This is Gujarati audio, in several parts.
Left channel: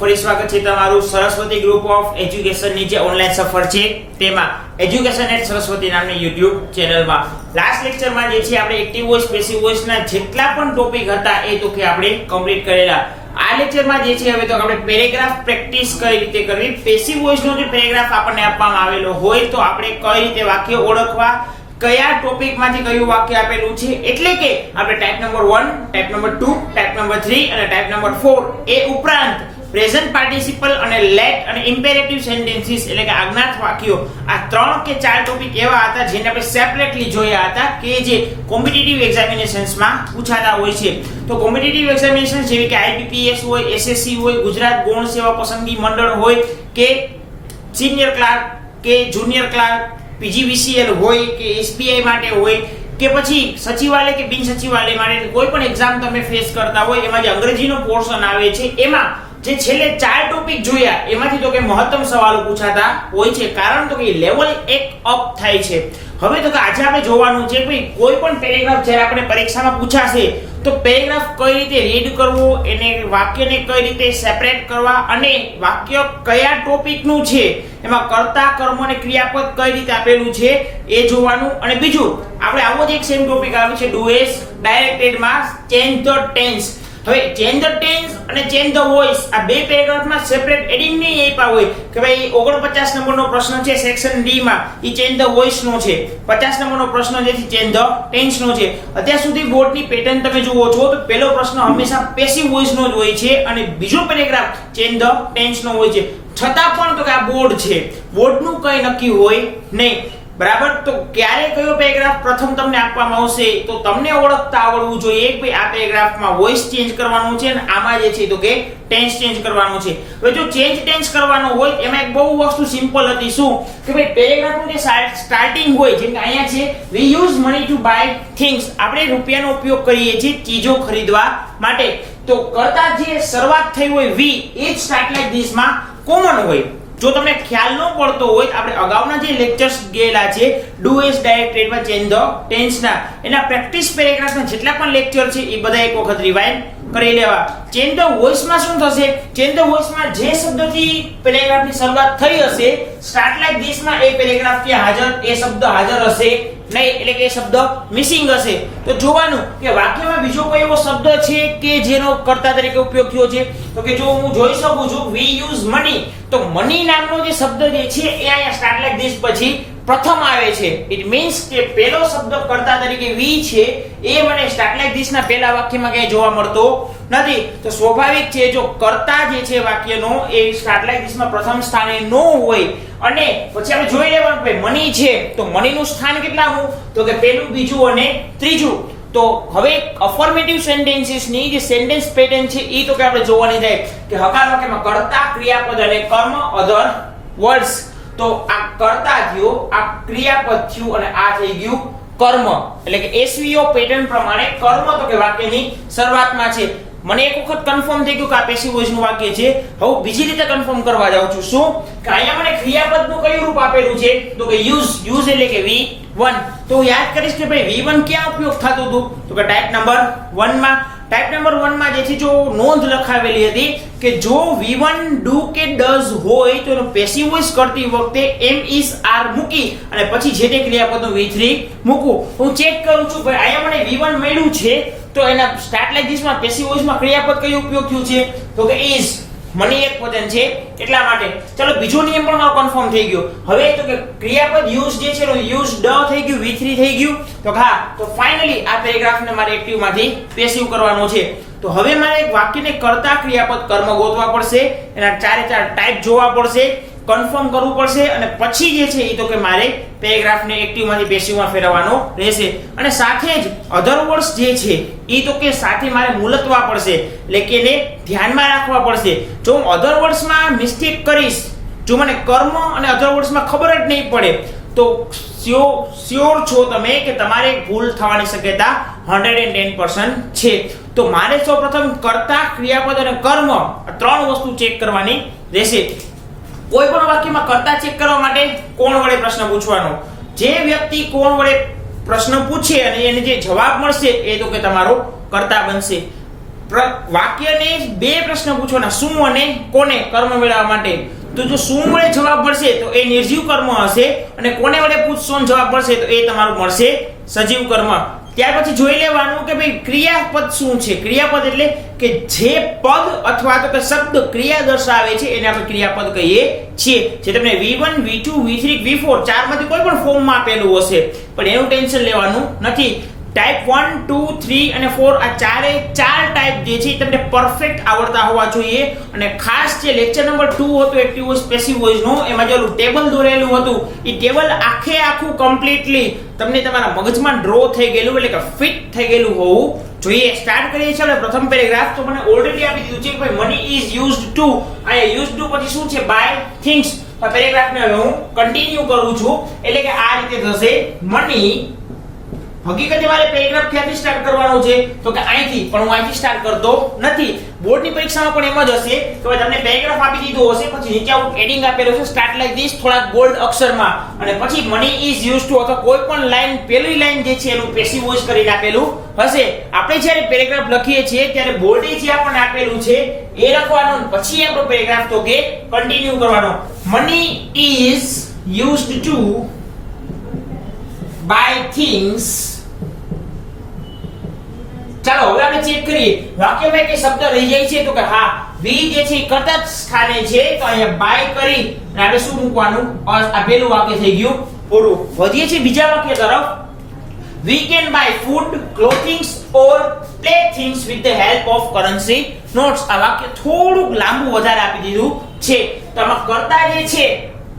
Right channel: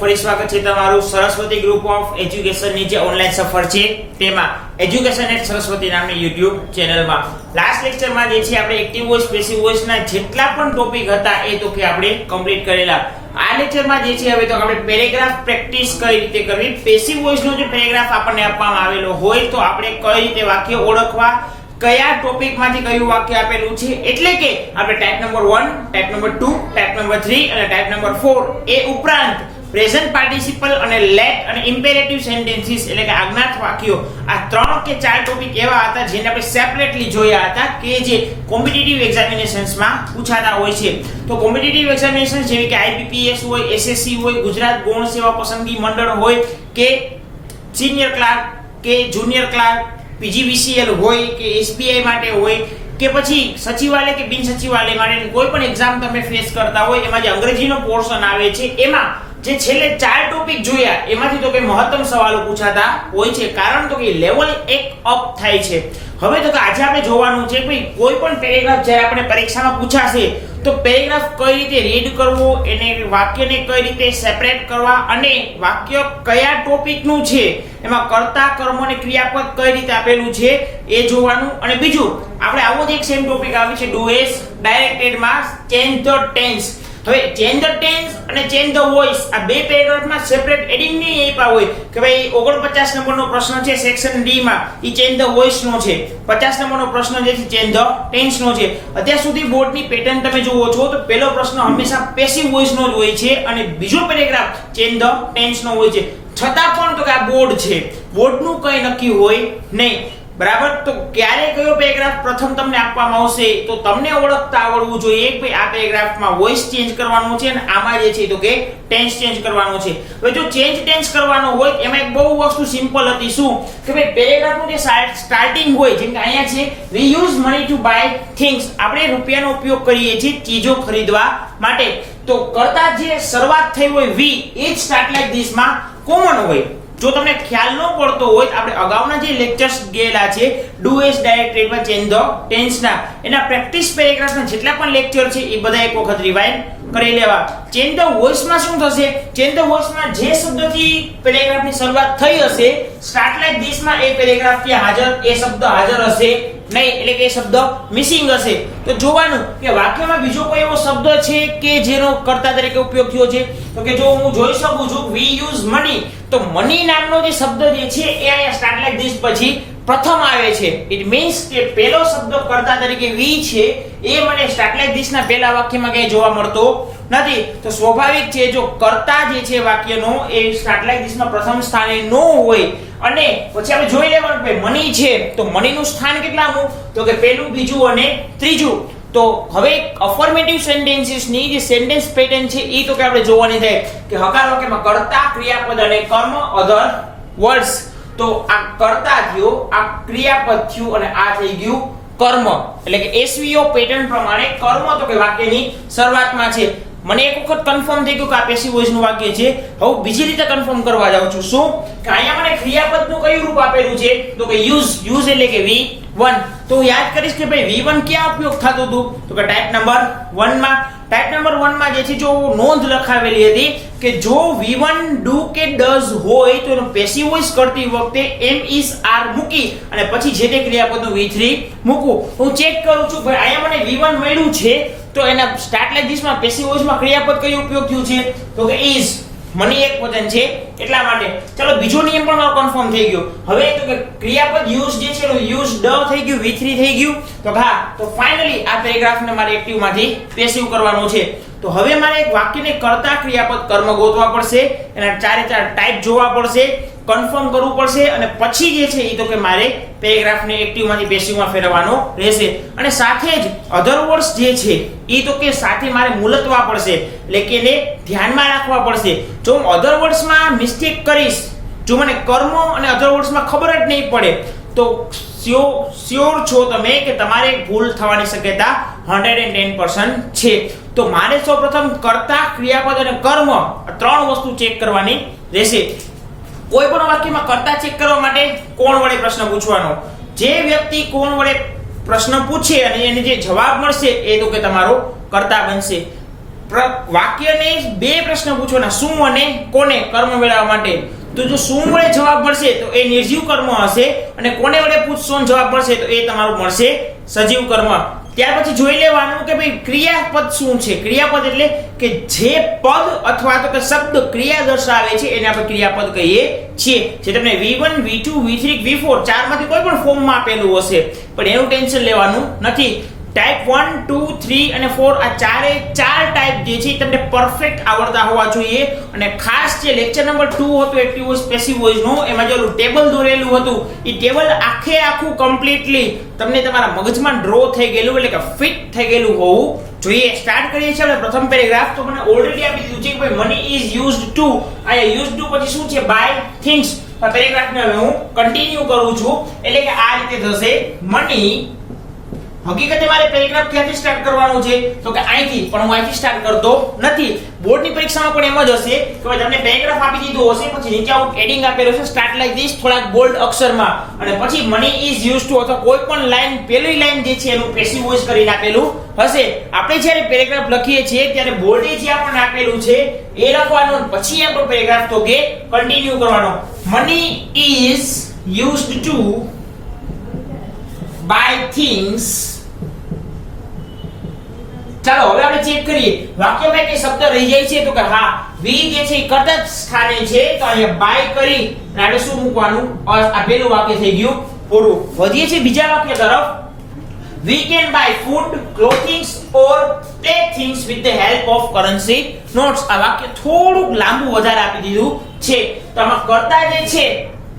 ફરી સ્વાગત છે તમારું સરસ્વતી ગ્રુપ ઓફ એજ્યુકેશન ની જે ઓનલાઈન સફર છે તેમાં એજ્યુકેશન એટ સરસ્વતી નામની YouTube ચેનલમાં લાસ્ટ લેક્ચરમાં જે છે આપણે એક્ટિવ વોઇસ પેસિવ વોઇસ ના જેટલા પણ ટોપિક હતા એ તો કે આપણે કમ્પ્લીટ કરેલા. આ લેક્ચરમાં જે છે હવે તો આપણે પેરેગ્રાફ પ્રેક્ટિસ કઈ રીતે કરવી, પેસિવ વોઇસ નો જે પેરેગ્રાફ આપણને આપવામાં આવેલો હોય તો આપણે કઈ રીતે વાક્ય ઓળખવા, કયા ટોપિક માંથી કયું વાક્ય આપેલું છે, એટલે કે આપણે type number 1, type number 2, type number 3 અને ટાઈપ નંબર 4 એ ઉપરાંત પ્રેઝન્ટ પાર્ટિસિપલ અને લેટ અને ઇમ્પેરેટિવ સેન્ટેન્સીસ એટલે કે આજ્ઞાત વાક્યો, આ 3 કે 4 ટોપિક એવા હતા જેને આપણે સેપરેટલી જોયા હતા કે જે કોમ્પિટિટિવ એક્ઝામિનેશન્સમાં પૂછાતા હોય છે. તો કોમ્પિટિટિવ એક્ઝામિનેશન જેવી કે આઈબીપીએસ હોય, એસએસસી હોય, ગુજરાત ગૌણ સેવા પસંદગી મંડળ હોય કે સિનિયર ક્લાર્ક કે જુનિયર ક્લાર્ક, પીજીવીસીએલ હોય કે એસબીઆઈ માટે હોય કે પછી સચિવાલય કે બિન સચિવાલય માટે કોઈ પણ એક્ઝામ તમે ફેસ કરતા હોય, એમાં જે અંગ્રેજીનો પોર્શન આવે છે એમાં જે છેલ્લે 4 ટોપિક જોયા એમાંથી તો કે મહત્તમ સવાલો પૂછાતા હોય છે, કારણ તો કે લેવલ 1 અપ થાય છે. હવે તો કે આજે આપણે જોવાનું છે ભાઈ કોઈ પણ પેરેગ્રાફ જ્યારે આપણે પરીક્ષામાં પૂછાશે તો પેરેગ્રાફ કઈ રીતે રીડ કરવો, એને વાક્યને કઈ રીતે સેપરેટ કરવા અને વાક્ય કયા ટોપિકનું છે, એમાં કર્તા, કર્મ અને ક્રિયાપદ કઈ રીતે આપેલું છે એ જોવાનું. અને બીજું આપણે આવો જ એક સેમ ટોપિક આવે છે ડુ-એસ ડાયરેક્ટેડમાં ચેન્જ ધ ટેન્સ. હવે ચેન્જ ધ ટેન્સ અને ચેન્જ ધ વોઇસ આ બે પેરેગ્રાફમાં સેપરેટ એડિંગ નહીં આપ્યા હોય કે ભાઈ 49 નંબરનો પ્રશ્ન છે સેક્શન ડી માં ઈ ચેન્જ ધ વોઇસ નો છે, 50 નંબરનો પ્રશ્ન જે છે ચેન્જ ધ ટેન્સ નો છે. અત્યાર સુધી બોર્ડની પેટર્ન તમે જુઓ છો તો પહેલો પ્રશ્ન હંમેશા પેસિવ વોઇસ નો જ હોય છે અને બીજો પેરેગ્રાફ ચેન્જ ધ ટેન્સ નો હોય છે. છતાં પણ તો કે આ બોર્ડ છે, બોર્ડનું કઈ નક્કી હોય નહીં, બરાબર. તો ક્યારે કયો પેરેગ્રાફ પ્રથમ તમને આપવામાં આવશે તો તમને ઓળખતા આવડવું જોઈએ કે ભાઈ આ પેરેગ્રાફમાં વોઇસ ચેન્જ કરવાનો છે અને આમાં જે છે તો કે ટેન્સ ચેન્જ કરવાનો છે. હવે જો ચેન્જ ટેન્સ કરવાનો હોય એમાં એક બહુ વસ્તુ સિમ્પલ હતી, શું કે ભાઈ પેરેગ્રાફનું જે સ્ટાર્ટિંગ હોય, જેમ કે અહીંયા છે we use money to buy things, આપણે રૂપિયાનો ઉપયોગ કરીએ છીએ ચીજો ખરીદવા માટે. તો કરતા જે શરૂઆત થઈ હોય વી એ જ સ્ટાર્ટ લાઈક ધીસ માં કોમન હોય. જો તમને ખ્યાલ ન પડતો હોય તો આપણે અગાઉના જે લેક્ચર્સ ગયેલા છે ડુ-એસ ડાયરેક્ટેડમાં ચેન્જ ધ ટેન્સના, એના પ્રેક્ટિસ પેરેગ્રાફના જેટલા પણ લેક્ચર છે એ બધા એક વખત રિવાઇન્ડ કરી લેવા. ચેન્જ ધ વોઇસમાં શું થશે, ચેન્જ ધ વોઇસમાં જે શબ્દથી પેરેગ્રાફની શરૂઆત થઈ હશે સ્ટાર્ટ લાઈક ધીસ માં એ પેરેગ્રાફ થી હાજર એ શબ્દ હાજર હશે નહીં, એટલે કે એ શબ્દ મિસિંગ હશે. તો જોવાનું કે વાક્યમાં બીજો કોઈ એવો શબ્દ છે કે જેનો કર્તા તરીકે ઉપયોગ થયો છે. તો કે જો હું જોઈ શકું છું વી યુઝ મની, તો મની નામનો જે શબ્દ જે છે એ અહીંયા સ્ટાર્ટ લાઈક ધીસ પછી પ્રથમ આવે છે. ઇટ મીન્સ કે પહેલો શબ્દ કર્તા તરીકે વી છે એ મને સ્ટાર્ટ લાઈક ધીસ ના પહેલા વાક્યમાં ક્યાંય જોવા મળતો નથી. તો સ્વાભાવિક છે જો કર્તા જે છે વાક્યનો એ સ્ટાર્ટ લાઈક ધીસ માં પ્રથમ સ્થાને ન હોય અને પછી આપણે જોઈ લેવાનું કે મની છે તો મની નું સ્થાન કેટલામું, તો કે પહેલું, બીજું અને ત્રીજું. તો હવે અફર્મેટિવ સેન્ટેન્સીસ ની જે સેન્ટેન્સ પેટર્ન છે એ તો કે આપણે જોવાની થાય કે હકાર વાક્યમાં કર્તા, ક્રિયાપદ અને કર્મ, અધર વર્ડ્સ. તો આ કર્તા થયો, આ ક્રિયાપદ થયું અને આ થઈ ગયું કર્મ, એટલે કે એસવીઓ પેટર્ન પ્રમાણે કર્મ તો કે વાક્યની શરૂઆતમાં છે. મને એક વખત કન્ફર્મ થઈ ગયું કે આ પેસિવ વોઇસ નું વાક્ય છે. હવે બીજી રીતે કન્ફર્મ કરવા જાઉં છું, શું કે અહીંયા મને ક્રિયાપદનું કયું રૂપ આપેલું છે તો કે યુઝ એટલે કે V1. તો યાદ કરીશ કે ભાઈ V1 ક્યાં ઉપયોગ થતું હતું તો કે ટાઈપ નંબર 1 માં. ટાઈપ નંબર 1 માં જે છે જો નોંધ લખાવેલી હતી કે જો V1 ડુ કે ડઝ હોય તો એનો પેસિવ વોઇસ કરતી વખતે એમ ઇઝ આર મૂકી અને પછી જે તે ક્રિયાપદનું V3 મૂકું. હું ચેક કરું છું ભાઈ અહીંયા મને V1 મળ્યું છે તો એના સ્ટાર્ટ લાઈક ધીસ માં પેસિવ વોઇસમાં ક્રિયાપદ કયું ઉપયોગ થયું છે તો કે ઇઝ, મની એક વચન છે એટલા માટે. ચલો બીજો નિયમ પણ કન્ફર્મ થઈ ગયો. હવે તો કે ક્રિયાપદ યુઝ જે છે યુઝ ડ થઈ ગયું, V3 થઈ ગયું. તો હા, તો ફાઇનલી આ પેરેગ્રાફને મારે એક્ટિવ માંથી પેસિવ કરવાનો છે. તો હવે મારે એક વાક્યને કર્તા, ક્રિયાપદ, કર્મ ગોતવા પડશે, એના 4 ટાઈપ જોવા પડશે, કન્ફર્મ કરવું પડશે અને પછી જે છે એ તો કે મારે પેરેગ્રાફને એક્ટિવ માંથી પેસિવમાં ફેરવવાનો રહેશે. અને સાથે જ અધર વર્ડ્સ જે છે એ તો કે સાથે મારે મુલતવા પડશે, એટલે કે એને ધ્યાનમાં રાખવા પડશે. જો હું અધર વર્ડ્સમાં મિસ્ટેક કરીશ, જો મને કર્મ અને અધર વર્ડ્સમાં ખબર જ નહીં પડે તો શ્યોર છો તમે કે તમારે ભૂલ થવાની શક્યતા 110% છે. તો મારે સૌપ્રથમ કર્તા, ક્રિયાપદ અને કર્મ આ 3 વસ્તુ ચેક કરવાની રહેશે. કોઈ પણ વાક્યમાં કર્તા ચેક કરવા માટે કોણ વડે પ્રશ્ન પૂછવાનો. જે વ્યક્તિ કોણ વડે પ્રશ્ન પૂછે અને એને જે જવાબ મળશે એ તો કે તમારો કર્તા બનશે. વાક્યને બે પ્રશ્ન પૂછવાના, શું અને કોને કર્મ મેળવવા માટે. તો જો શું વડે જવાબ મળશે તો એ નિર્જીવ કર્મ હશે, અને કોને વડે પૂછશો જવાબ મળશે તો એ તમારું મળશે સજીવ કર્મ. ત્યાર પછી જોઈ લેવાનું કે ભાઈ ક્રિયાપદ શું છે. ક્રિયાપદ એટલે કે જે પદ અથવા તો કે શબ્દ ક્રિયા દર્શાવે છે એને આપણે ક્રિયાપદ કહીએ છીએ. જે તમને V1 V2 V3 V4 ચારમાંથી કોઈ પણ ફોર્મમાં આપેલું હશે, પણ એનું ટેન્શન લેવાનું નથી. ટાઈપ 1 2 3 અને 4 આ ચારે ચાર ટાઈપ જે છે તમને પરફેક્ટ આવડતા હોવા જોઈએ. અને ખાસ જે લેક્ચર નંબર 2 હતો એક્ટિવ વોઇસ પેસિવ વોઇસ નો, એમાં જે ટેબલ દોરેલું હતું એ ટેબલ આખે આખું કમ્પ્લીટલી તમને તમારા મગજમાં ડ્રો થઈ ગયેલું, એટલે કે ફિટ થઈ ગયેલું હોવું જોઈએ. સ્ટાર્ટ કરીએ છીએ આપણે પ્રથમ પેરેગ્રાફ. તો મને ઓલરેડી આપી દીધું છે કે ભાઈ મની ઇઝ યુઝડ ટુ, આ યુઝડ ટુ પછી શું છે બાય થિંગ્સ. આ પેરેગ્રાફને હવે હું કન્ટિન્યુ કરું છું, એટલે કે આ રીતે થશે મની. હકીકતે મારે પેરેગ્રાફ ક્યાંથી સ્ટાર્ટ કરવાનો છે તો કે અહીંથી, પણ હું અહીંથી સ્ટાર્ટ કરતો નથી. બોર્ડની પરીક્ષામાં પણ એમ જ હશે કે ભાઈ તમને પેરેગ્રાફ આપી દીધો હશે, પછી નીચે આવું હેડિંગ આપેલું છે સ્ટાર્ટ લાઈક ધીસ થોડાક બોલ્ડ અક્ષરમાં, અને પછી મની ઇઝ યુઝ ટુ અથવા કોઈ પણ લાઈન પહેલી લાઈન જે છે એનું પેસિવ વોઇસ કરીને આપેલું હશે. આપણે જ્યારે પેરેગ્રાફ લખીએ છીએ ત્યારે બોલ્ડ જે આપણને આપેલું છે એ લખવાનું, પછી આપણો પેરેગ્રાફ તો કે કન્ટિન્યુ કરવાનો. Money is used to buy things. ચાલો હવે આપણે ચેક કરીએ વાક્યમાં કઈ શબ્દ રહી જાય છે તો કે હા વી જે છે એ કર્તા સ્થાને છે, તો અહીંયા બાય કરી અને આપણે શું મૂકવાનું, આ પહેલું વાક્ય થઈ ગયું પૂરું. વધીએ છીએ બીજા વાક્ય તરફ. We can buy food, clothing or playthings with the help of currency notes. આ વાક્ય થોડુંક લાંબુ વધારે આપી દીધું છે. તો આમાં કર્તા જે છે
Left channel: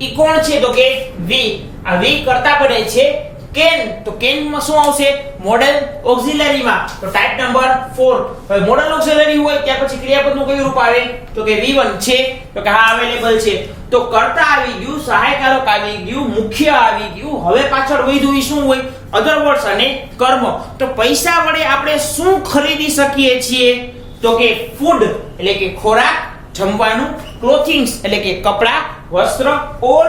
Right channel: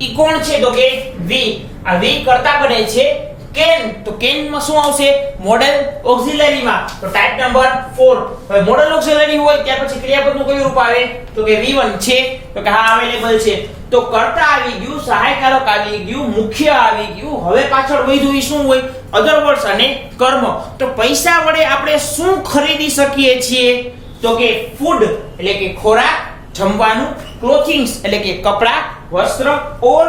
ઈ કોણ છે તો કે વી. આ વી કર્તા બને છે. કેન, તો કેન માં શું આવશે મોડલ ઓક્સિલરી માં, તો ટાઈપ નંબર 4. હવે મોડલ ઓક્સિલરી હોય ત્યાર પછી ક્રિયાપદ નું કયું રૂપ આવે તો કે V1 છે, તો કે હા અવેલેબલ છે. તો કર્તા આવી ગયું, સહાયકારક આવી ગયું, મુખ્ય આવી ગયું. હવે પાછળ વધ્યું એ શું હોય અધર વર્ડ્સ અને કર્મ. તો પૈસા વડે આપણે શું ખરીદી શકીએ છીએ તો કે ફૂડ એટલે કે ખોરાક જમવાનું, ક્લોથિંગ્સ એટલે કે કપડા વસ્ત્ર, ઓર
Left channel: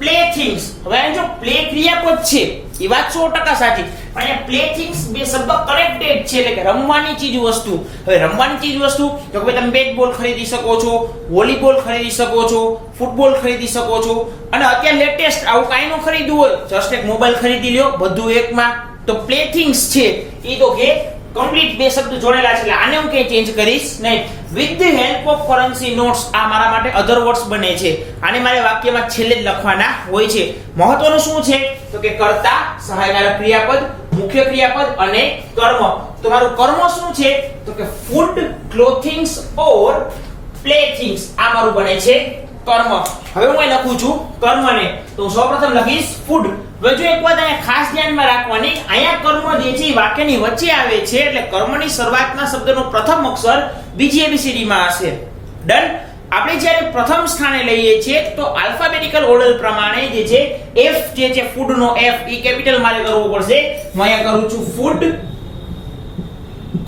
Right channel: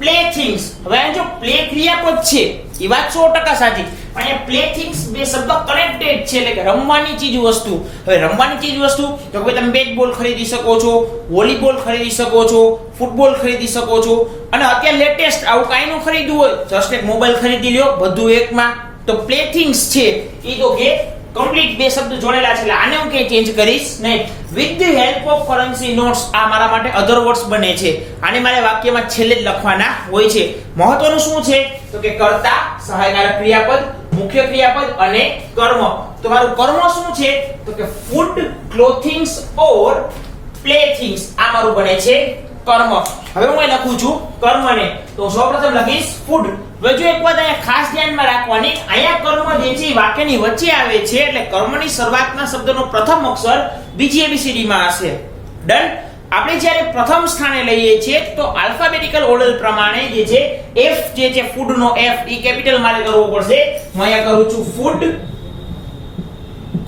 પ્લેથિંગ્સ. હવે આ જો પ્લે ક્રિયાપદ છે એ વાત 100% સાચી, પણ અહીંયા પ્લેથિંગ્સ બે શબ્દ કનેક્ટેડ છે, એટલે કે રમવાની ચીજ વસ્તુ. હવે રમવાની ચીજ વસ્તુ તો કે તમે બેટબોલ ખરીદી શકો છો, વોલીબોલ ખરીદી શકો છો, ફૂટબોલ ખરીદી શકો છો, અને અત્યારે લેટેસ્ટ આવું કાઈ નું ખરીદવું હોય જસ્ટ એક મોબાઈલ ખરીદી લ્યો, બધું એકમાં. તો પ્લેથિંગ્સ છે એ તો કે કમ્પ્લીટ બે શબ્દ જોડેલા છે, એટલે આને હું કઈ ચેન્જ કરીશ નહીં. With the help of currency notes આ મારા માટે અધર વર્ડ્સ બને છે, આને મારે વાક્યમાં છેલ્લે જ લખવાના હોય છે. મહત્વનું શું છે તો કે કર્તા, સહાયકારક ક્રિયાપદ, મુખ્ય ક્રિયાપદ અને કર્મ. તો મારું કર્મ શું છે તો કે ફૂડ, ક્લોથિંગ્સ ઓર પ્લેથિંગ્સ આ મારું બને છે કર્મ. હવે હું અહીં લખું છું કર્મને, તો સૌપ્રથમ લખીશ ફૂડ. હવે જો એક વાત અહીંયા ખાસ ધ્યાનમાં રાખવાની, અહીંયા કર્મ જે છે વાક્યની વચ્ચે આવે છે, એટલે કર્મની શરૂઆતના શબ્દનો પ્રથમ અક્ષર બીજી ABCD માં હશે. ડન. આપણે જ્યારે પ્રથમ સ્થાને લઈએ છીએ તો આલ્ફાબેટિકલ ઓર્ડર પ્રમાણે જે છે F જે છે ફૂડ નો F ઈ કેપિટલ મારે કરવો પડશે. હું અહીંયા કરું છું food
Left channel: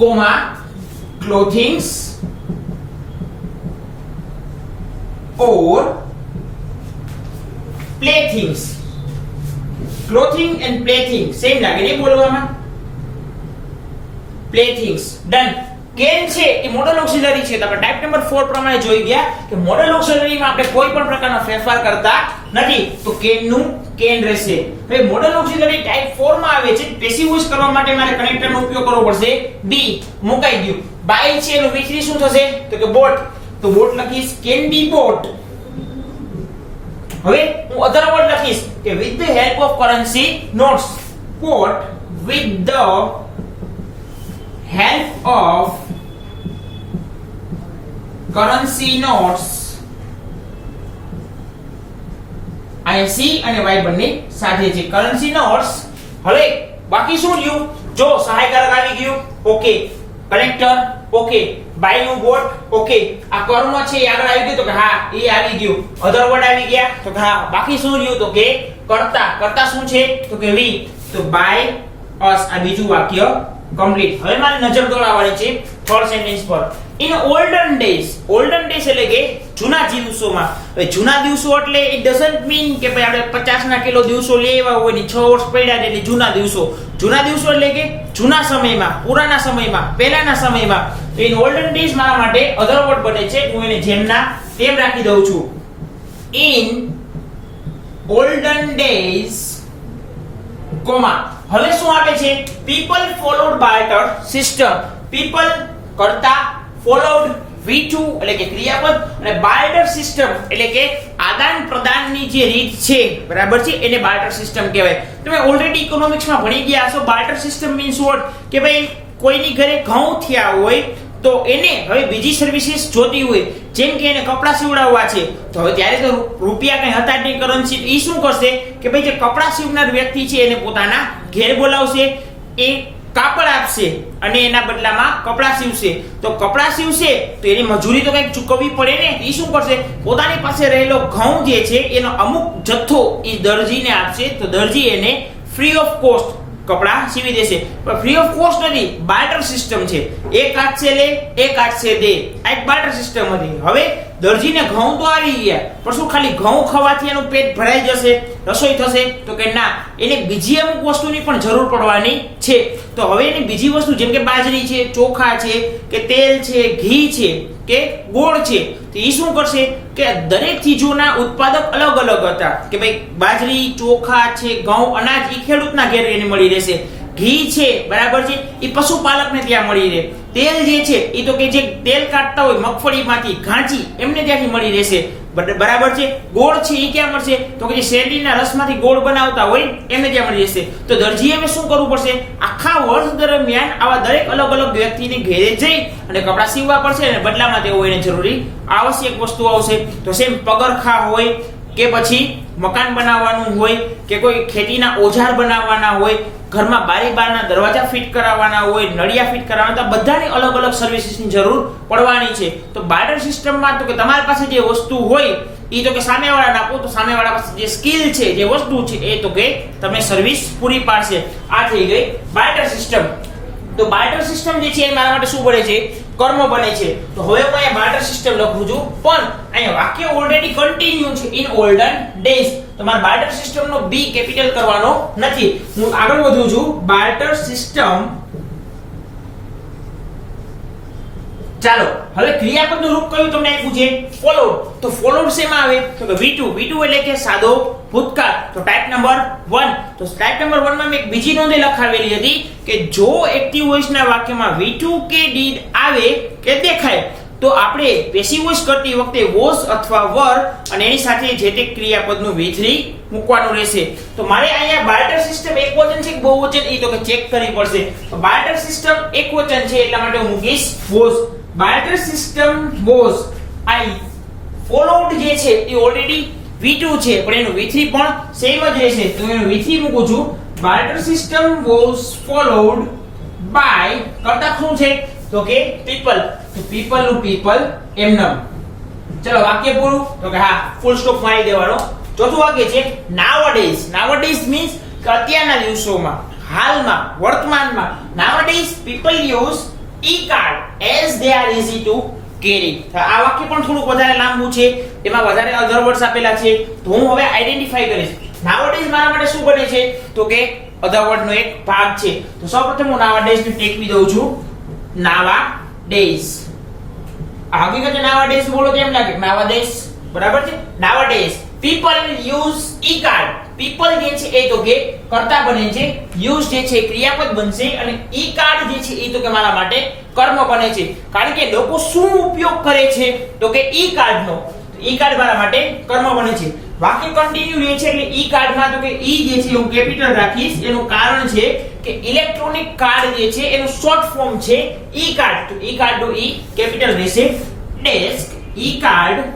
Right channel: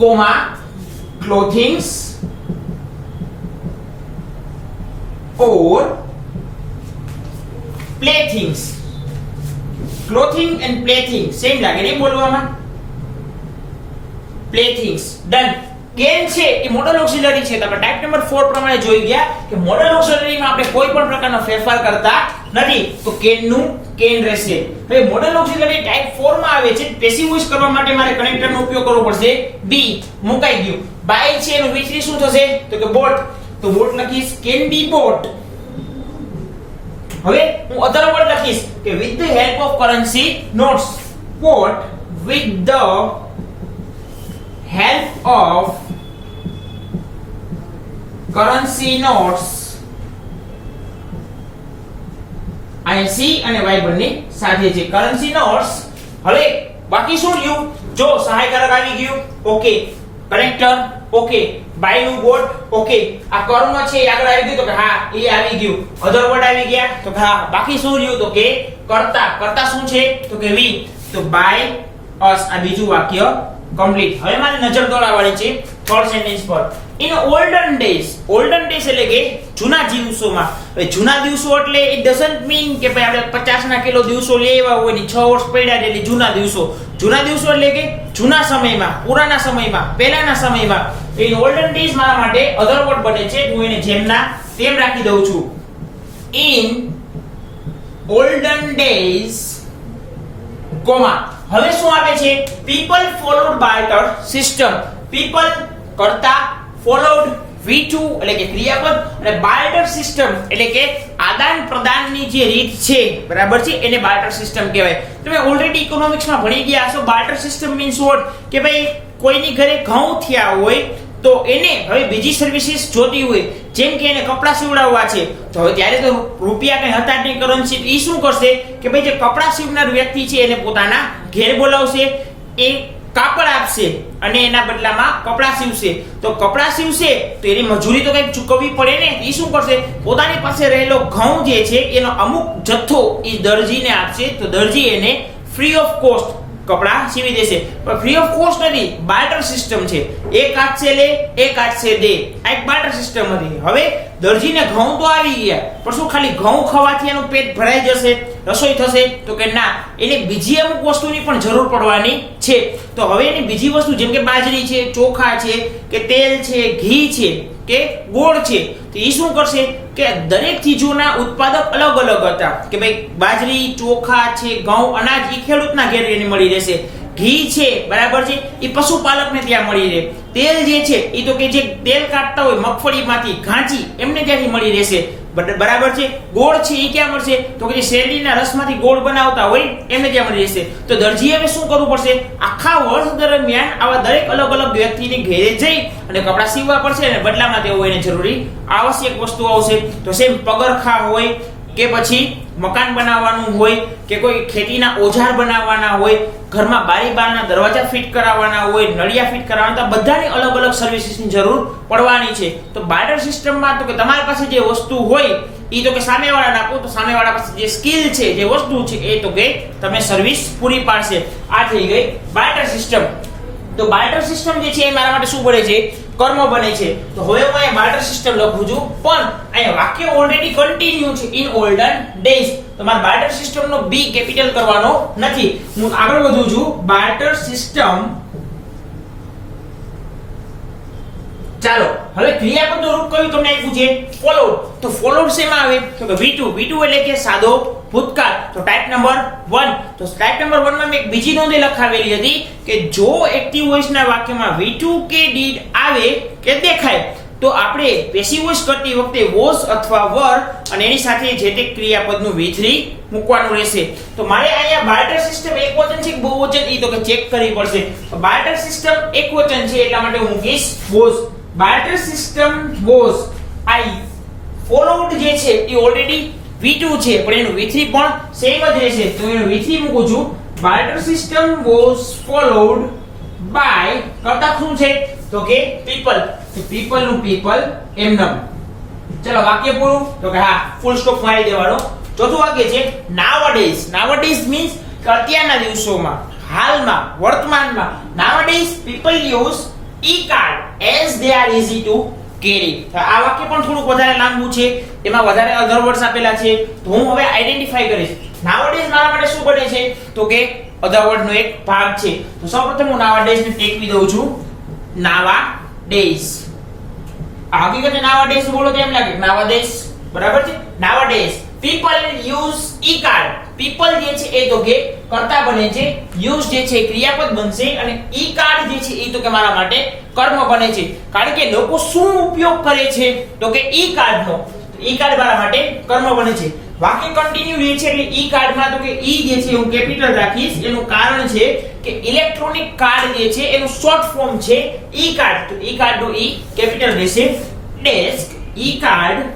comma clothings or playthings. Clothing and plaything same લાગે નહીં બોલવામાં. playthings done. કેન છે એ મોડલ ઓક્સિલરી છે, તમે ટાઈપ નંબર 4 પ્રમાણે જોઈ ગયા કે મોડલ ઓક્સિલરીમાં આપણે કોઈ પણ પ્રકારનો ફેરફાર કરતા નથી, તો કેન નું કેન રહેશે. હવે મોડલ ઓક્સિલરી ટાઈપ 4 માં આવે છે, પેસિવ વોઇસ કરવા માટે મારે કનેક્ટરનો ઉપયોગ કરવો પડશે. બી મુકાઈ ગયું. બાય છે એનું વિચરી શું થશે તો કે બોટ, તો બોટ લખીશ કેન બી બોટ. હવે હું અધર વર્ડ લખીશ કે with the help of currency notes. Boat with the help of currency notes. અહીં સી અને વાય બંને સાથે છે કરન્સી નોટ્સ. હવે બાકી શું રહ્યું, જો સહાયકારક આવી ગયું, ઓકે, કનેક્ટર ઓકે, બાય નું બોટ ઓકે, આ કર્મ છે એ આગળ આવી ગયું તો કે હા એ આવી ગયું, અધર વર્ડ આવી ગયા તો કે હા. બાકી શું રહ્યું તો કે કર્તા. કર્તા શું છે તો કે વી, તો બાય અસ આ બીજું વાક્ય કમ્પ્લીટ. હવે મારે નજર દોડાવવાની છે થર્ડ સેન્ટેન્સ પર. In olden days. Olden days એટલે કે જૂના દિવસોમાં. હવે જૂના દિવસો એટલે ઇટ ડઝન્ટ મીન કે ભાઈ આપણે 50 ના કિલો દિવસો લેવા હોય ને 6 વર્ષ પડ્યા એટલે જૂના દિવસો. જૂના દિવસો એટલે કે જૂના સમયમાં, પુરાના સમયમાં, પહેલાના સમયમાં. તો ઇન ઓલ્ડન ડેઝ મારા માટે અધર વર્ડ બને છે, હું એને જેમના તેમ રાખી દઉં છું. ઇન ઓલ્ડન ડેઝ કોમા હવે શું આપે છે? People followed barter system. People કરતા, ફોલોડ V2 એટલે કે ક્રિયાપદ, અને બાર્ટર સિસ્ટમ એટલે કે આદાન પ્રદાનની જે રીત છે, બરાબર છે, એને બાર્ટર સિસ્ટમ કહેવાય. તમે ઓલરેડી ઇકોનોમિક્સમાં ભણી ગયા હશો. Barter system means what? કે ભાઈ કોઈની ઘરે ઘઉં થયા હોય તો એને હવે બીજી સર્વિસીસ જોતી હોય, જેમ કે એને કપડા સીવડાવવા છે, તો હવે ત્યારે તો રૂપિયા કઈ હતા જ નહીં કરન્સી. એ શું કરશે કે ભાઈ જે કપડા સીવનાર વ્યક્તિ છે એને પોતાના ઘેર બોલાવશે, એ કાપડ આપશે અને એના બદલામાં કપડા સીવશે. તો કપડા સીવશે તો એની મજૂરી તો કઈક ચૂકવવી પડે ને. એ શું કરશે? પોતાની પાસે રહેલો ઘઉં જે છે એનો અમુક જથ્થો એ દરજીને આપશે, તો દરજી એને ફ્રી ઓફ કોસ્ટ કપડા સીવી દેશે. પણ ફ્રી ઓફ કોસ્ટ નથી, બાર્ટર સિસ્ટમ છે. એક હાથે લે, એક હાથે દે. આ એક બાર્ટર સિસ્ટમ હતી. હવે દરજીને ઘઉં તો આવી ગયા, પણ શું ખાલી ઘઉં ખાવાથી એનું પેટ ભરાઈ જશે, રસોઈ થશે? તો કે ના, એને બીજી અમુક વસ્તુની પણ જરૂર પડવાની છે. તો હવે એની બીજી વસ્તુ જેમ કે બાજરી છે, ચોખા છે, કે તેલ છે, ઘી છે, કે ગોળ છે, તો એ શું કરશે કે દરેક ચીજોના ઉત્પાદક અલગ અલગ હતા. કે ભાઈ બાજરી, ચોખા છે, ઘઉં, અનાજ એ ખેડૂતના ઘેર એને મળી રહેશે. ઘી છે, બરાબર છે, એ પશુપાલકને ત્યાં મળી રહે. તેલ જે છે એ તો કે જે તેલ કાઢતા હોય મગફળીમાંથી ઘાંચી એમને ત્યાંથી મળી રહેશે, બરાબર છે. ગોળ છે એ ક્યાં મળશે? તો કે જે શેરડીના રસમાંથી ગોળ બનાવતા હોય એમને ત્યાં મળી રહેશે. તો દરજીએ હવે શું કરવું પડશે? આખા વર્ષ દરમિયાન આવા દરેક અલગ અલગ વ્યક્તિને ઘેરે જઈ અને કપડા સીવવા પડશે, અને બદલામાં તેઓ એને જરૂરી આવશ્યક વસ્તુ આવશે. તો સેમ પગરખા હોય, કે પછી મકાન બનાવવાનું હોય, કે કોઈ ખેતીના ઓજાર બનાવવાના હોય, ઘરમાં બારી બારના દરવાજા ફિટ કરાવવાના હોય, નળિયા ફિટ કરાવવાના, બધાની અલગ અલગ સર્વિસીસની જરૂર પડવાની છે. તો બાર્ટર સિસ્ટમમાં તો કે તમારી પાસે જે વસ્તુ હોય એ તો કે સામેવાળાને આપો, તો સામેવાળા પાસે જે સ્કિલ છે, જે વસ્તુ છે એ તો કે તમને સર્વિસ પૂરી પાડશે. આ થઈ ગઈ બાર્ટર સિસ્ટમ. તો બાર્ટર સિસ્ટમ જે છે એ મારા માટે શું બને છે? કર્મ બને છે. તો હવે હું અહીંયા બાર્ટર સિસ્ટમ લખું છું, પણ અહીંયા વાક્ય ઓલરેડી કન્ટિન્યુ છે, ઇન ઓલ્ડન ડેઝ. તો મારે બાર્ટર સિસ્ટમ નો બી કેપિટલ કરવાનો નથી. હું આગળ વધું છું. બાર્ટર સિસ્ટમ, ચાલો હવે ક્રિયાપદનું રૂપ કયું તમને આપ્યું છે? ફોલોડ. તો ફોલોડ શેમાં આવે? તો V2. V2 એટલે કે સાદો ભૂતકાળ. તો ટાઈપ નંબર 1. તો ટાઈપ નંબર 1 માં મેં એક બીજી નોંધ લખાવેલી હતી કે જો એક્ટિવ વોઇસના વાક્યમાં V2 કે did આવે કે દેખાય, તો આપણે પેસિવ વોઇસ કરતી વખતે વોઝ અથવા વર અને એની સાથે જે તે ક્રિયાપદનું V3 મૂકવાનું રહેશે. તો મારે અહીંયા બાર્ટર સિસ્ટમ એકવચન છે કે બહુવચન એ તો કે ચેક કરવી પડશે. બાર્ટર સિસ્ટમ એકવચન છે એટલા માટે હું મૂકીશ was. Barter system was. I followed જે છે એ ઓલરેડી V2 છે, પણ એનું V3 પણ સેમ જ રહેશે. તો એનું V3 મૂકું છું. Barter system was followed by કરતા શું છે? તો કે પીપલ. તો પીપલ નું પીપલ એમનેમ. ચલો વાક્ય પૂરું. તો કે હા, ફૂલ સ્ટોપ મારી દેવાનો. ચોથું વાક્ય છે નાવડેઝ. નાવડેઝ મીન્સ કે અત્યારના દિવસોમાં, હાલમાં, વર્તમાનમાં. Nowadays people use e-card as they are easy to carry. આ વાક્ય પણ થોડુંક વધારે લાંબુ છે, એમાં વધારે અધર વર્ડ્સ આપેલા છે, તો હું હવે આઈડેન્ટિફાઈ કરીશ. નાવડેઝ મારા માટે શું બને છે? તો કે અધર વર્ડ નો એક ભાગ છે. તો સૌપ્રથમ હું નાવડેઝ ને ટેકવી દઉં છું. નાવાડેઝ. હકીકતે નાવાડેઝ બોલો તો એમ લાગે નાવાડેઝ, બરાબર છે. નાવાડેઝ people use e-card. people જે છે એ તો કે કર્તા બને છે, use જે છે ક્રિયાપદ બનશે, અને e-card જે છે એ તો કે મારા માટે કર્મ બને છે. કારણ કે લોકો શું ઉપયોગ કરે છે? તો કે e-card નો. e-card મારા માટે કર્મ બને છે. વાક્ય કન્ટિન્યુ એ છે એટલે e-card માં તો કે e જે છે હું કેપિટલ રાખીશ. એનું કારણ છે કે ઇલેક્ટ્રોનિક કાર્ડ જે છે એનું શોર્ટ ફોર્મ છે e-card. તો e-card નો e કેપિટલ રહેશે. Desk e-card.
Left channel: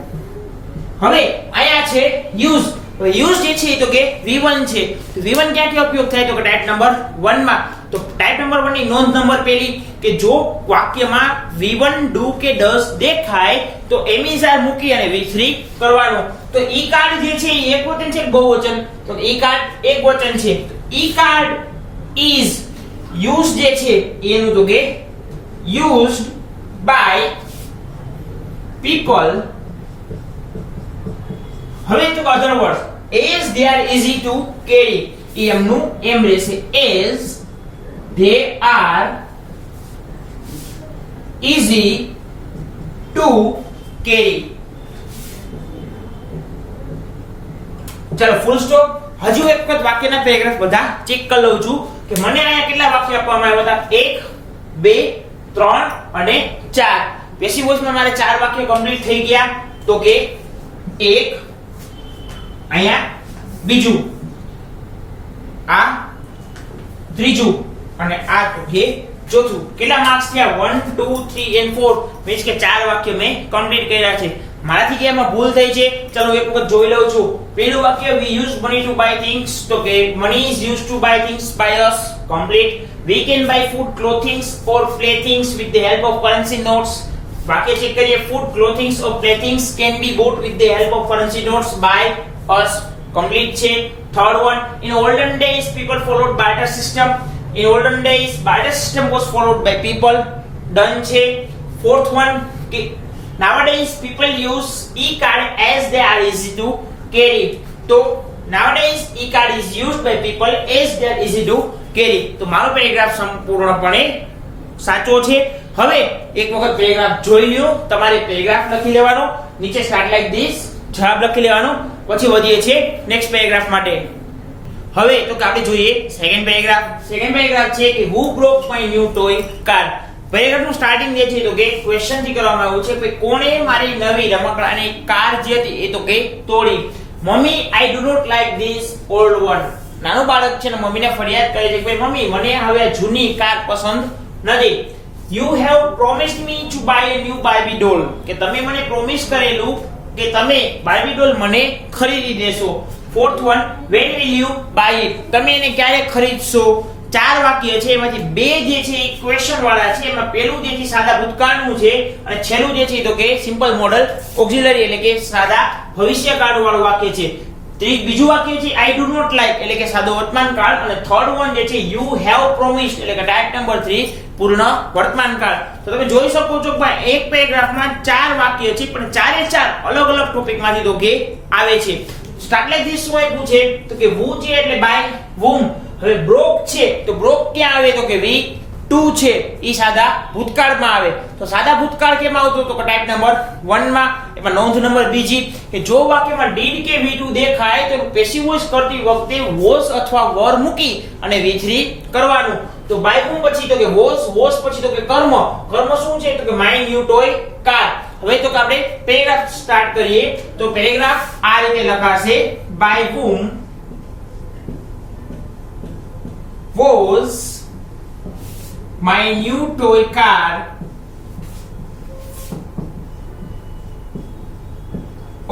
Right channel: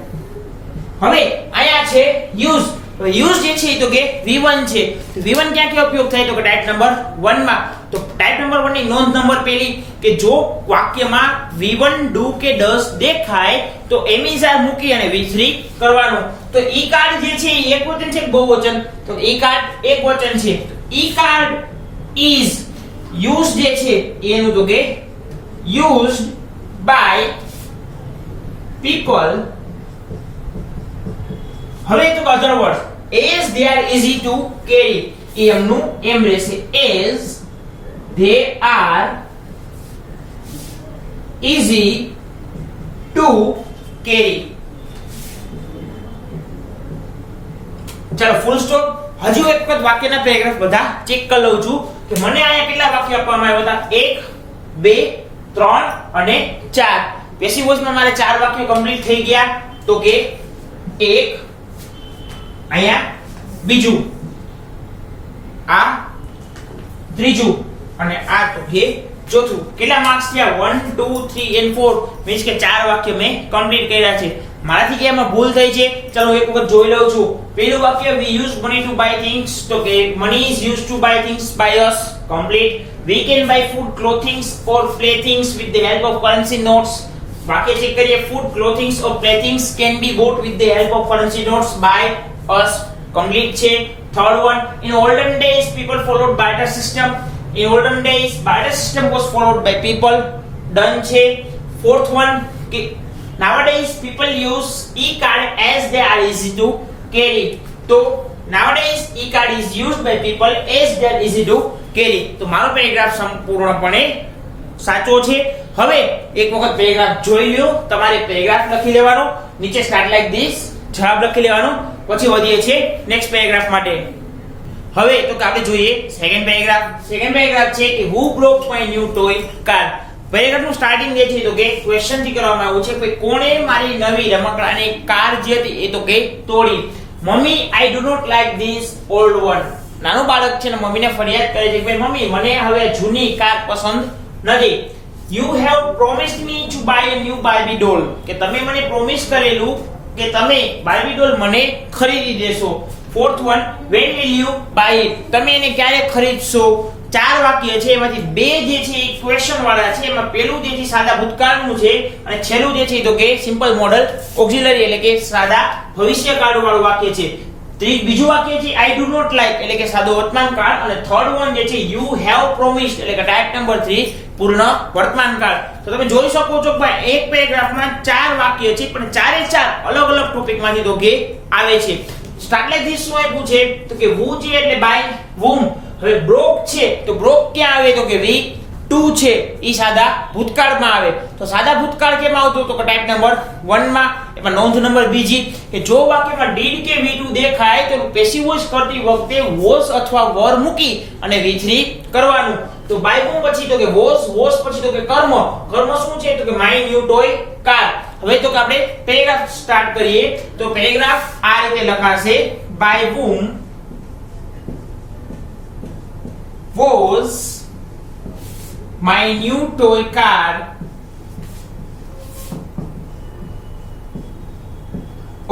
હવે અહીંયા છે યુઝ. તો યુઝ જે છે તો કે V1 છે. તો V1 ક્યાં ક્યાં ઉપયોગ થાય? તો કે ટાઈપ નંબર 1 માં. તો ટાઈપ નંબર 1 ની નોંધ નંબર પહેલી કે જો વાક્યમાં V1 do કે does દેખાય તો એમિઝાર મૂકી અને V3 કરવાનું. તો e-card જે છે એ એકવચન છે કે બહુવચન? તો e-card એકવચન છે. e-card is used જે છે એનું તો કે used by people હવે તો અધર word as they are easy to carry એ એમનું એમ રહેશે as they are easy to carry. ચલો ફૂલ સ્ટોપ. હજુ એક વખત વાક્યના પેરેગ્રાફ બધા ચેક કરી લઉં છું કે મને અહીંયા કેટલા વાક્ય આપવામાં આવ્યા હતા 1 2 3 અને 4. પેસિવ વોઇસમાં મારે 4 વાક્ય કમ્પ્લીટ થઈ ગયા તો કે 1 અહીંયા બીજું આ ત્રીજું અને આ તો કે ચોથું. કેટલા માર્ક્સ થયા 1 2 3 and 4 મીન્સ કે 4 વાક્ય મેં કમ્પ્લીટ કર્યા છે. મારાથી કે એમાં ભૂલ થઈ છે ચલો એક વખત જોઈ લઉં છું. પહેલું વાક્ય we use money to buy things તો કે money is used to buy things by us complete. We can buy food clothing or playthings with the help of currency notes. વાક્ય ચેક કરીએ food clothing or playthings can be bought with the help of currency notes by us complete છે. Third one in olden days people followed barter system. In olden days barter system was followed by people done છે. Fourth one કે nowadays people use e-card as they are easy to carry. તો nowadays e-card is used by people as they are easy to carry. તો મારો પેરેગ્રાફ સંપૂર્ણપણે સાચો છે. હવે એક વખત પેરેગ્રાફ જોઈ લ્યો. તમારે પેરેગ્રાફ લખી લેવાનો, નીચે સ્ટાર્ટ લાઈક ધીસ જવાબ લખી લેવાનો, પછી વધીએ છીએ નેક્સ્ટ પેરેગ્રાફ માટે. હવે તો કે આપણે જોઈએ સેકન્ડ પેરેગ્રાફ. સેકન્ડ પેરેગ્રાફ છે કે who broke my new toy car. પેરેગ્રાફનું સ્ટાર્ટિંગ જે છે તો કે ક્વેશ્ચન થી કરવામાં આવ્યું છે કે કોણે મારી નવી રમકડાની કાર જે હતી એ તો કે તોડી. Mummy I do not like this old one. નાનું બાળક છે ને મમ્મીને ફરિયાદ કરે છે કે મમ્મી મને હવે જૂની કાર પસંદ નથી. You have promised me to buy a new Barbie doll. કે તમે મને પ્રોમિસ કરેલું કે તમે બાર્બી ડોલ મને ખરીદી દેશો. Fourth one when will you buy it. તમે એને ક્યારે ખરીદશો. 4 વાક્ય છે એમાંથી 2 જે છે એ ક્વેશ્ચન વાળા છે. એમાં પહેલું જે છે સાદા ભૂતકાળનું છે અને છેલ્લું જે છે તો કે સિમ્પલ મોડલ ઓક્સિલરી એટલે કે સાદા ભવિષ્યકાળ વાળું વાક્ય છે. બીજું વાક્ય છે આઈ ડુ નોટ લાઈક એટલે કે સાદો વર્તમાન કાળ અને થર્ડ વન જે છે યુ હેવ પ્રોમિસ્ડ એટલે કે ટાઈપ નંબર 3 પૂર્ણ વર્તમાન કાળ. તો તમે જોઈ શકો છો કે ભાઈ એક પેરેગ્રાફમાં 4 વાક્ય છે પણ ચારે ચાર અલગ અલગ ટોપિકમાંથી તો કે આવે છે. સ્ટાર્ટ લાઈક ધીસ શું આપ્યું છે તો કે who છે એટલે બાય whom. હવે broke છે તો broke ક્યાં આવે તો કે V2 છે ઈ સાદા ભૂતકાળમાં આવે. તો સાદા ભૂતકાળ કેમ આવતો તો કે ટાઈપ નંબર 1 માં. એમાં નોંધ નંબર બીજી કે જો વાક્યમાં did કે V2 દેખાય તો પેસિવ વોઇસ કરતી વખતે was અથવા were મૂકી અને V3 કરવાનું. તો by whom પછી તો કે was પછી તો કે કર્મ શું છે તો કે my new toy car. હવે તો કે આપણે પેરેગ્રાફ સ્ટાર્ટ કરીએ. તો પેરેગ્રાફ આ રીતે લખાશે by whom was my new toy car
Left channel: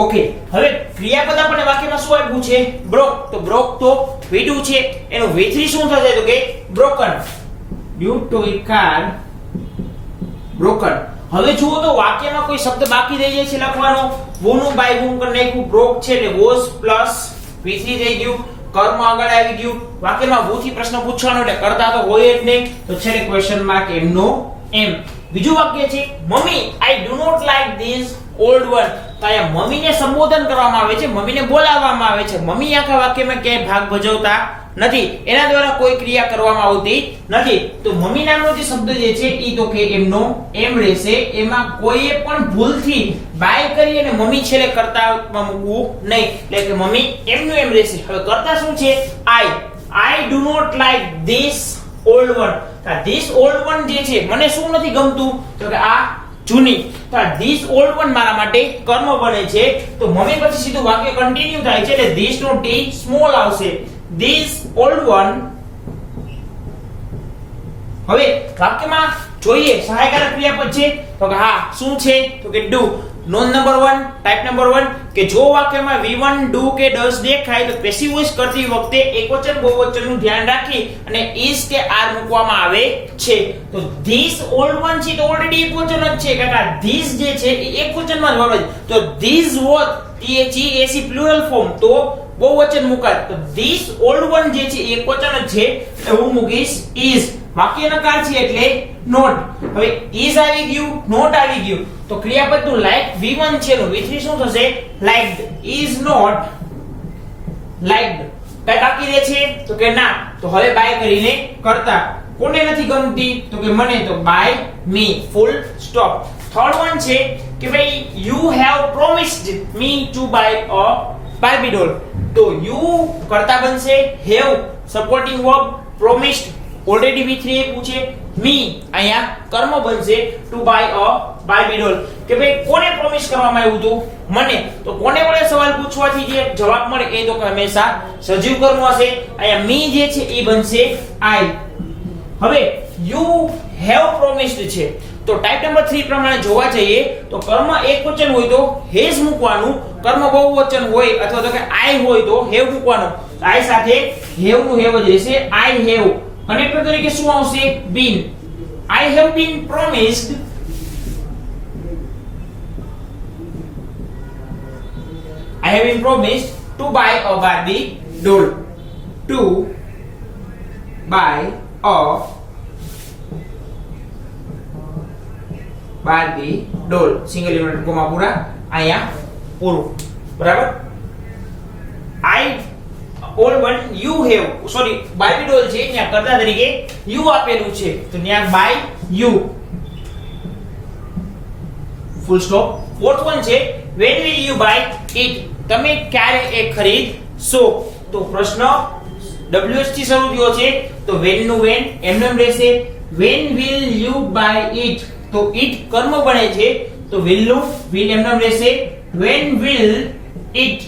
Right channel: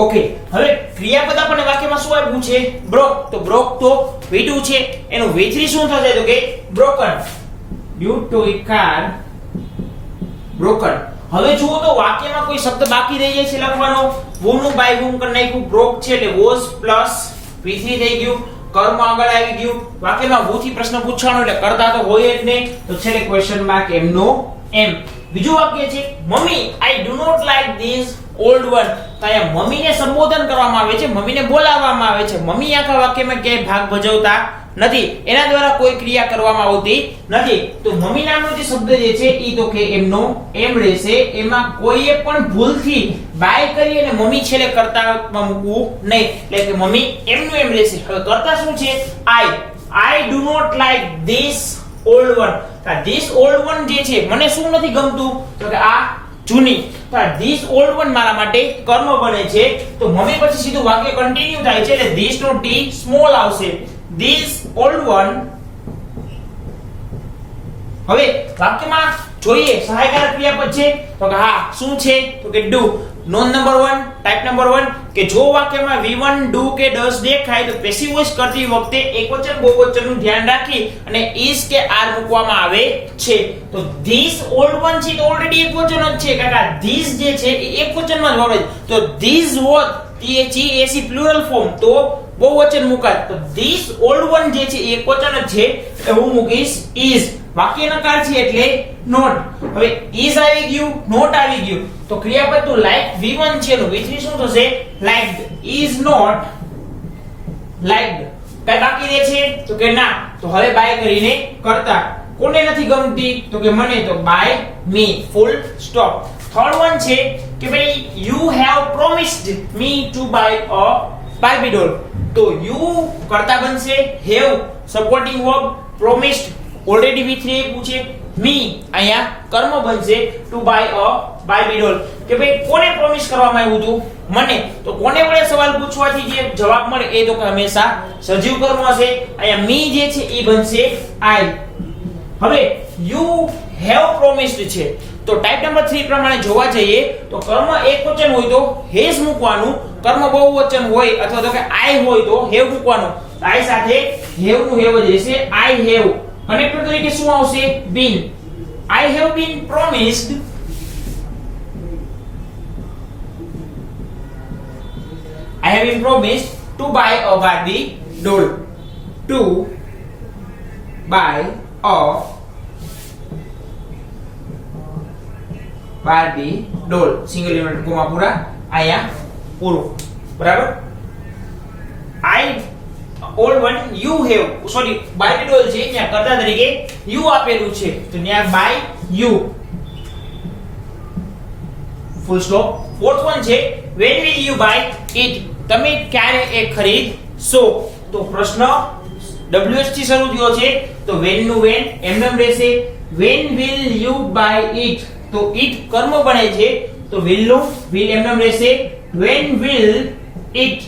okay. હવે ક્રિયાપદ આપણને વાક્યમાં શું આપ્યું છે broke. તો broke તો V2 છે એનું V3 શું થશે તો કે broken. new toy car broken. હવે જુઓ તો વાક્યમાં કોઈ શબ્દ બાકી રહી જાય છે લખવાનો. who નું by whom કરી નાખ્યું. broke છે એટલે was પ્લસ V3 થઈ ગયું. કર્મ આગળ આવી ગયું. વાક્યમાં who થી પ્રશ્ન પૂછવાનો એટલે કરતા તો હોય જ નહીં. તો છેલ્લે ક્વેશ્ચન માર્ક એમનો એમ. બીજું વાક્ય છે mummy I do not like this old one. તો અહીંયા મમ્મીને સંબોધન કરવામાં આવે છે, મમ્મીને બોલાવવામાં આવે છે. મમ્મી આખા વાક્યમાં ક્યાંય ભાગ ભજવતા નથી, એના દ્વારા કોઈ ક્રિયા કરવામાં આવતી નથી. તો મમ્મી નામનો જે શબ્દ જે છે ઈ તો કે એમનો એમ રહેશે. એમાં કોઈએ પણ ભૂલથી બાય કરી અને મમ્મી છેલ્લે કર્તામાં મૂકવું નહીં. એટલે કે મમ્મી એમનું એમ રહેશે. હવે કર્તા શું છે I do not like this old one. This old one જે છે મને શું નથી ગમતું તો કે આ જૂની. તો ધીસ ઓલ્ડ વન મારા માટે કર્મ બને છે. તો મમ્મી પછી સીધું વાક્ય કન્ટિન્યુ થાય છે એટલે ધીસ નો ટી સ્મોલ આવશે. This old one. હવે વાક્યમાં જોઈએ સહાયકારક ક્રિયાપદ છે તો કે હા શું છે તો કે do. નોંધ નંબર 1 ટાઈપ નંબર 1 કે જો વાક્યમાં V1 do કે does દેખાય તો પેસિવ વોઇસ કરતી વખતે એકવચન બહુવચનનું ધ્યાન રાખી અને is કે are મૂકવામાં આવે છે. તો this old one છે તો ઓલરેડી એકવચન જ છે કાકા. this જે છે એ એકવચનમાં જ આવે. તો these was THEAC plural form તો બહુવચન મુકાય. તો this old one જે છે એ એકવચન જ છે એટલે હું મૂકીશ is. વાક્યનો કાળ છે એટલે નોટ. હવે is આવી ગયું, નોટ આવી ગયું, તો ક્રિયાપદનું like V1 છે નું V3 શું થશે? liked. is not liked. કઈ બાકી રહે છે? તો કે ના. તો હવે બાય કરીને કરતા. કોને નથી ગમતી? તો કે મને. તો by me. Full stop. Third one છે કે ભાઈ you have promised me to buy a Barbie doll. તો you કરતા બનશે have supporting verb, promised already V3 એ પૂછે, me અહીંયા કર્મ બનશે to buy a Barbie doll. કે ભાઈ કોને પ્રોમિસ કરવામાં આવ્યું હતું? મને. તો કોને વડે સવાલ પૂછવાથી જે જવાબ મળે એ તો હંમેશા સજીવ કર્મ હશે. અહીંયા me જે છે એ બનશે I. હવે you have promised છે તો ટાઈપ નંબર 3 પ્રમાણે જોવા જઈએ તો કર્મ એકવચન હોય તો હેઝ મૂકવાનું, કર્મ બહુવચન હોય અથવા તો કે I હોય તો હેવ મૂકવાનું. I સાથે હેવ નું હેવ જ રહેશે. I have. કનેક્ટર તરીકે શું આવશે? been. I have been promised to buy a Barbie doll. To buy a Barbie doll. Single element comma પૂરા આયા પૂરું. બરાબર. I all one you have, sorry, Barbie doll છે ત્યાં કરતા તરીકે you આપેલું છે તો ત્યાં by you. Full stop. Fourth one છે when will you buy it? તમે ક્યારે એ ખરીદશો? તો પ્રશ્ન WH થી શરૂ થયો છે તો when નું when એમનેમ રહેશે. when will you buy it? તો it કર્મ બને છે તો will નું will એમનેમ રહેશે. when will it.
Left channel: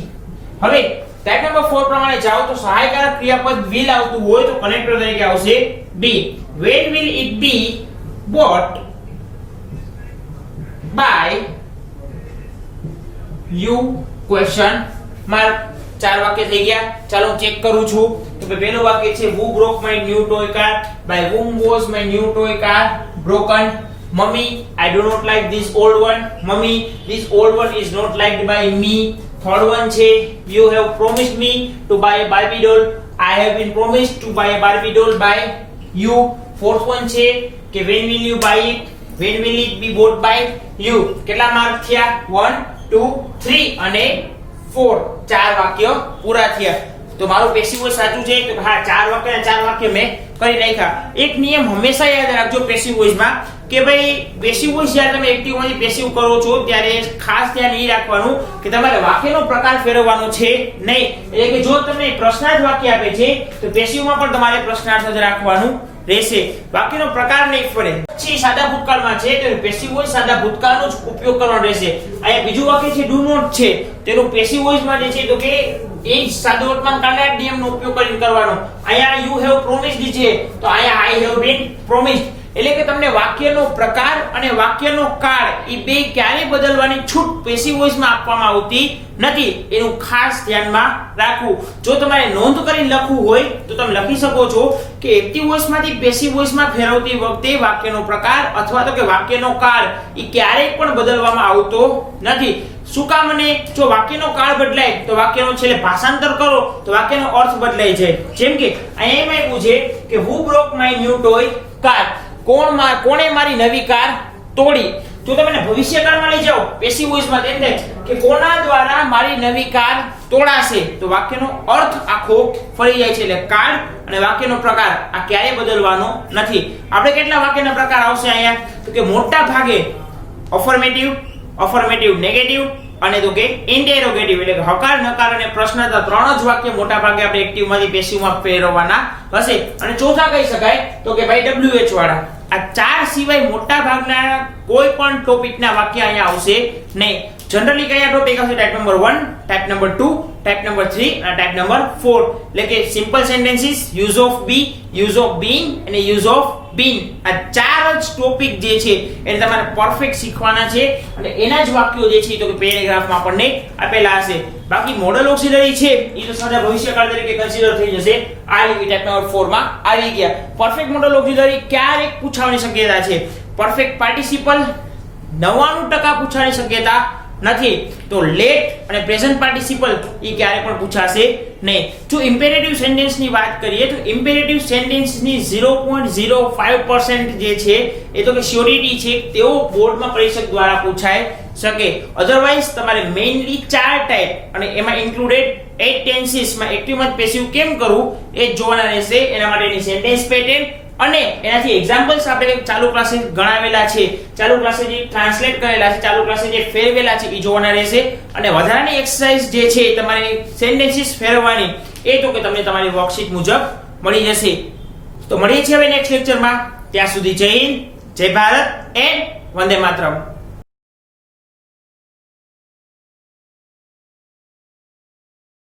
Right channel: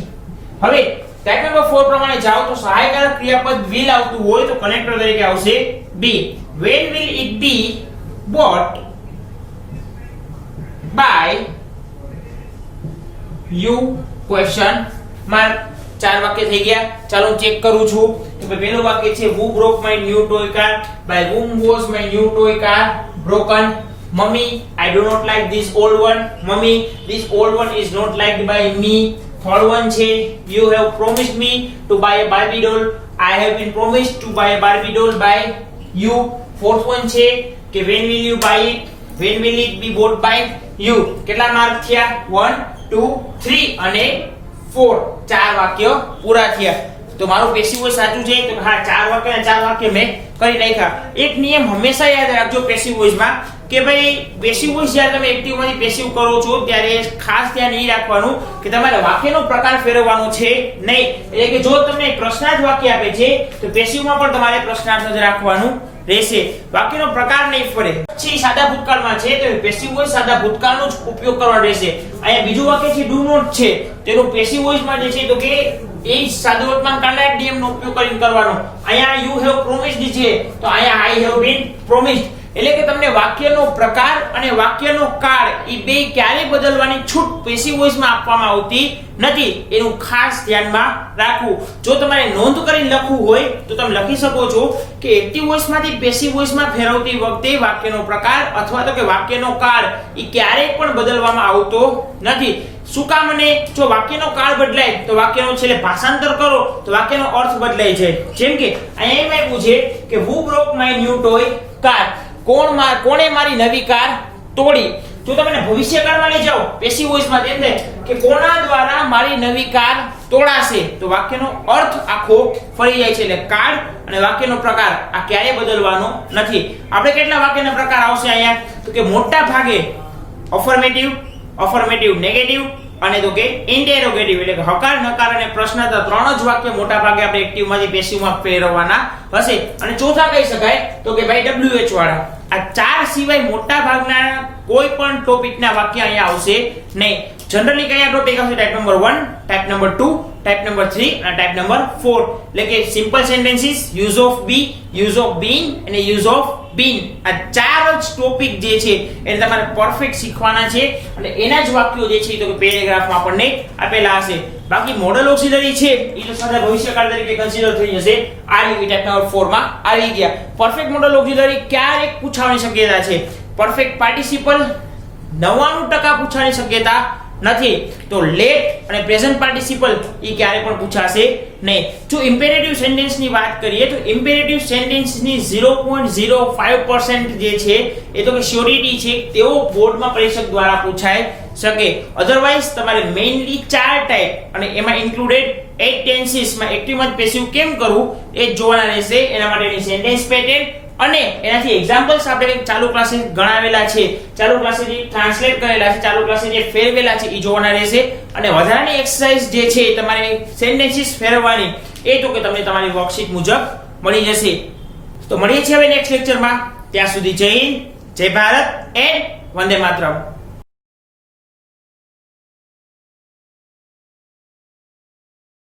હવે ટાઈપ નંબર 4 પ્રમાણે જાઓ તો સહાયકારક ક્રિયાપદ will આવતું હોય તો કનેક્ટર તરીકે આવશે be. when will it be bought by you? question mark. ચાર વાક્ય થઈ ગયા. ચાલો હું ચેક કરું છું કે ભાઈ પહેલું વાક્ય છે who broke my new toy car? by whom was my new toy car broken? Mummy, I do not like this old one. Mummy, this old one is not liked by me. Third one છે you have promised me to buy a Barbie doll. I have been promised to buy a Barbie doll by you. Fourth one છે કે when will you buy it? when will it be bought by you? કેટલા માર્ક થયા? 1 2 3 અને 4. ચાર વાક્ય પૂરા થયા. તો મારું પેસિવ વોઇસ સાચું છે તો હા ચાર વાક્ય મેં કરી નાખ્યા. એક નિયમ હંમેશા યાદ રાખજો પેસિવ વોઇસમાં કે ભાઈ પેસિવ વોઇસ જ્યારે તમે એક્ટિવ માંથી પેસિવ કરો છો ત્યારે ખાસ ધ્યાન એ રાખવાનું કે તમારે વાક્યનો પ્રકાર ફેરવવાનો છે નહીં. એટલે કે જો તમને પ્રશ્નાર્થ વાક્ય આપે છે તો પેસિવમાં પણ તમારે પ્રશ્નાર્થ જ રાખવાનું રહેશે. વાક્યનો પ્રકાર નહીં ફરે. પછી સાદા ભૂતકાળમાં છે તો પેસિવ વોઇસ સાદા ભૂતકાળનો જ ઉપયોગ કરવાનો રહેશે. અહીંયા બીજું વાક્ય છે ડુ નોટ છે તેનું પેસિવ વોઇસમાં જે છે તો કે એ સાદો વર્તમાન કાળના નિયમનો ઉપયોગ કરીને કરવાનો. અહીંયા you have promised છે તો અહીંયા I have been promised. એટલે કે તમને વાક્યનો પ્રકાર અને વાક્યનો કાળ એ બે ક્યારે બદલવાની છૂટ પેસિવ વોઇસમાં આપવામાં આવતી નથી. એનું ખાસ ધ્યાનમાં રાખવું. જો તમારે નોંધ કરીને લખવું હોય તો તમે લખી શકો છો કે એક્ટિવ વોઇસમાંથી પેસિવ વોઇસમાં ફેરવતી વખતે વાક્યનો પ્રકાર અથવા તો કે વાક્યનો કાળ એ ક્યારેય પણ બદલવામાં આવતો નથી. શું કામ? અને જો વાક્યનો કાળ બદલાય તો વાક્યનો છેલ્લે ભાષાંતર કરો તો વાક્યનો અર્થ બદલાઈ જાય. જેમ કે અહીંયા એમ આપ્યું છે કે who broke my new toy car? કોણે મારી નવી કાર તોડી? જો તમે ભવિષ્યકાળમાં લઈ જાઓ પેસિવ વોઇસમાં તેમ થાય કે કોના દ્વારા મારી નવી કાર તોડાશે તો વાક્યનો અર્થ આખો ફરી જાય છે. એટલે કાળ અને વાક્યનો પ્રકાર આ ક્યારેય બદલવાનો નથી. આપણે કેટલા વાક્યના પ્રકાર આવશે અહીંયા તો કે મોટા ભાગે અફર્મેટિવ, નેગેટિવ અને તો કે ઇન્ટેરોગેટિવ એટલે કે હકાર, નકાર અને પ્રશ્નાર્થ ત્રણ જ વાક્ય મોટા ભાગે આપણે એક્ટિવ માંથી પેસિવમાં ફેરવવાના હશે. અને ચોથા કહી શકાય તો કે ભાઈ WH વાળા. આ ચાર સિવાય મોટા ભાગના કોઈ પણ ટોપિકના વાક્ય અહીંયા આવશે નહીં. જનરલી કયા ટોપિક આવશે? Type number 1, type number 2, type number 3 અને ટાઈપ નંબર 4. એટલે કે simple sentences, use of be, use of been અને યુઝ ઓફ બીન. આ ચાર જ ટોપિક જે છે એને તમારે પરફેક્ટ શીખવાના છે અને એના જ વાક્યો જે છે તો કે પેરેગ્રાફમાં આપણને આપેલા હશે. બાકી મોડલ ઓક્સિલરી છે એ તો સદા ભવિષ્યકાળ તરીકે કન્સિડર થઈ જશે. આ લીધી ટાઈપ નંબર 4 માં આવી ગયા. પરફેક્ટ મોડલ ઓક્સિલરી ક્યારેક પૂછવાની શક્યતા છે. પરફેક્ટ પાર્ટિસિપલ 99% પૂછવાની શક્યતા નથી. તો લેટ અને પ્રેઝન્ટ પાર્ટિસિપલ એ ક્યારે પણ પૂછાશે નહીં. જો ઇમ્પેરેટિવ સેન્ટેન્સ ની વાત કરીએ તો ઇમ્પેરેટિવ સેન્ટેન્સ ની 0.05% જે છે એ તો કે શ્યોરિટી છે તેઓ બોર્ડમાં પરીક્ષક દ્વારા પૂછાઈ શકે. અધરવાઇઝ તમારે મેઇનલી 4 ટાઈપ અને એમાં ઇન્ક્લુડેડ 8 ટેન્સીસ માં એક્ટિવ માં પેસિવ કેમ કરવું એ જ જોવાના રહેશે. એના માટેની સેન્ટેન્સ પેટર્ન અને એનાથી એક્ઝામ્પલ્સ આપણે ચાલુ ક્લાસે ગણાવેલા છે, ચાલુ ક્લાસે જે ટ્રાન્સલેટ કરેલા છે, ચાલુ ક્લાસે જે ફેરવેલા છે એ જોવાના રહેશે. અને વધારાની એક્સરસાઇઝ જે છે તમારે સેન્ટેન્સીસ ફેરવવાની એ તો કે તમને તમારી વર્કશીટ મુજબ મળી જશે. તો મળીએ છીએ હવે નેક્સ્ટ લેક્ચરમાં. ત્યાં સુધી જય હિન્દ, જય ભારત એન્ડ વંદે માતરમ.